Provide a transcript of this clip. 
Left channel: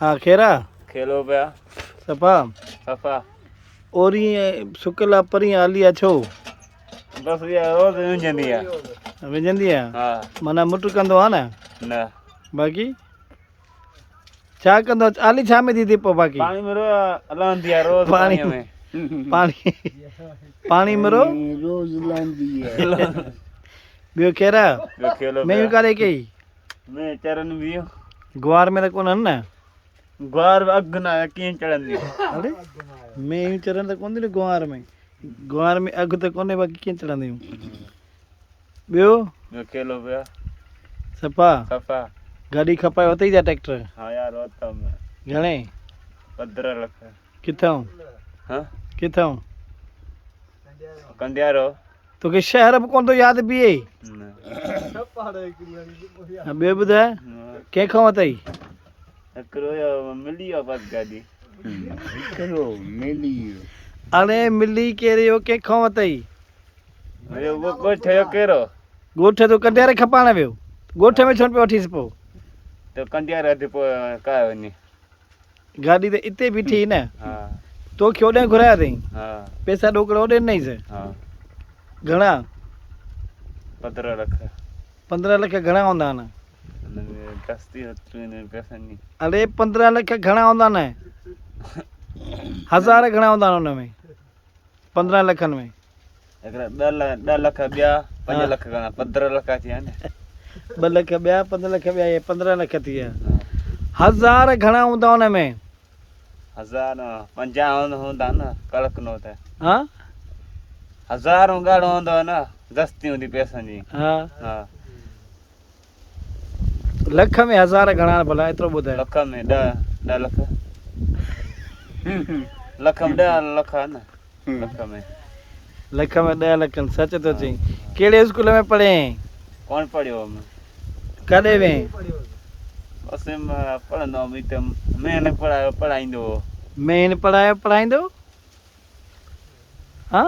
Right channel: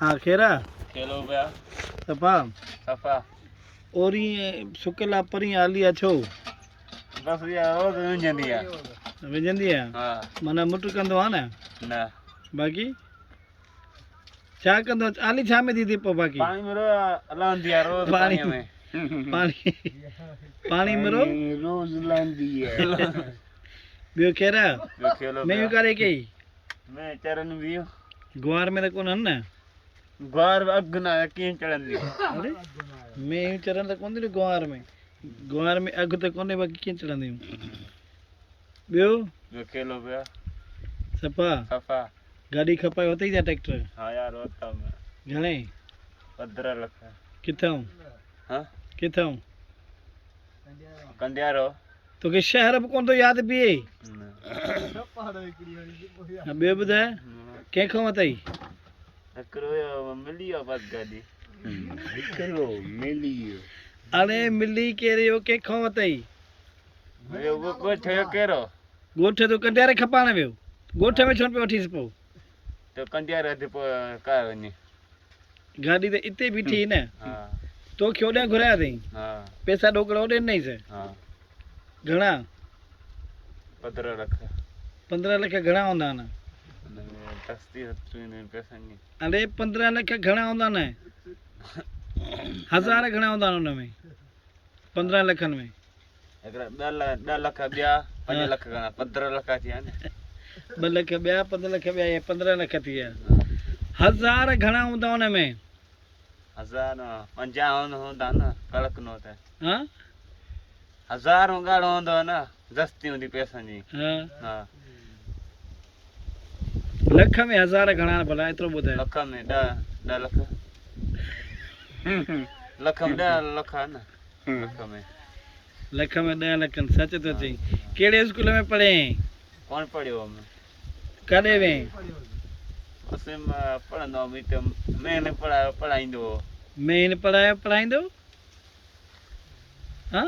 हाँ खेरा खेलो पिया सफ़ा सफ़ा ओरी सुकला परी आली अछो बस ये रोज़ विझंदी आहे विझंदी आहे हा माना मुट कंदो आहे न न बाक़ी छा कंदो आली छा में थी पोइ बाक़ी पाणी में हलंदी आहे रोज़ पाणी पाणीअ में पाणी पाणी में रोज़ हलंदी आहे ॿियो खेरा ॿियो खेलो मेयूं कारे कई में चरनि बियूं ग्वार में त कोन आहिनि न ग्वार अघु न कीअं चढ़ंदी अरे मेयूं चरनि त कोन थी न ग्वार में अघु त कोन्हे बाक़ी कीअं चढ़ंदियूं ॿियो ॿियो खेलो पिया सफ़ा सफ़ा गाॾी खपाए वरितई छा ट्रैक्टर हा यार वरिता में घणे 15 लख किथां हा किथां कंडियारो तोखे शहर बि कोन थो यादि बीहे न ॿियो ॿुधाए कंहिंखां वरितई हिकिड़ो इहो मिली वियो बसि गाॾी हिकिड़ो मिली वियो हाणे मिली कहिड़ी हो कंहिंखां वरितई उहो ॻोठ जो कहिड़ो ॻोठ तो कंडियारे खपाइण वियो ॻोठ में छो न पियो वठीसि पोइ त कंडियारो अधु पोइ काए वञे गाॾी त हिते बीठी न हा तोखे होॾां घुराया अथई हा पैसा ॾोकड़ होॾे ॾिनईसि हा घणा 15 लख 15 लख घणा हूंदा आहिनि हुनमें दस्ती अची वञे पैसनि जी अरे 15 लख घणा हूंदा आहिनि हज़ार घणा हूंदा आहिनि हुन में 15 लखनि में हिकिड़ा 10 लख ॿिया 5 लख घणा 15 लख थी विया न 2 लख ॿिया 5 लख ॿिया इहे 15 लख थी विया हज़ार घणा हूंदा हुन में 1050 हूंदा न कड़क नो त हा 1000 घणो हूंदो न दस्ती हूंदी पैसनि जी हा हा लख में हज़ार घणा भला एतिरो ॿुधाए लख में 10 लख लख में 10 लख आहे न लख में 10 लख सच थो चई कहिड़े स्कूल में पढ़े कौन पढ़ियो मैं कॾहिं वें बस में पढ़ंदो हुअमि त मैंने पढ़ाईंदो हो मेन पढ़ाईंदो हा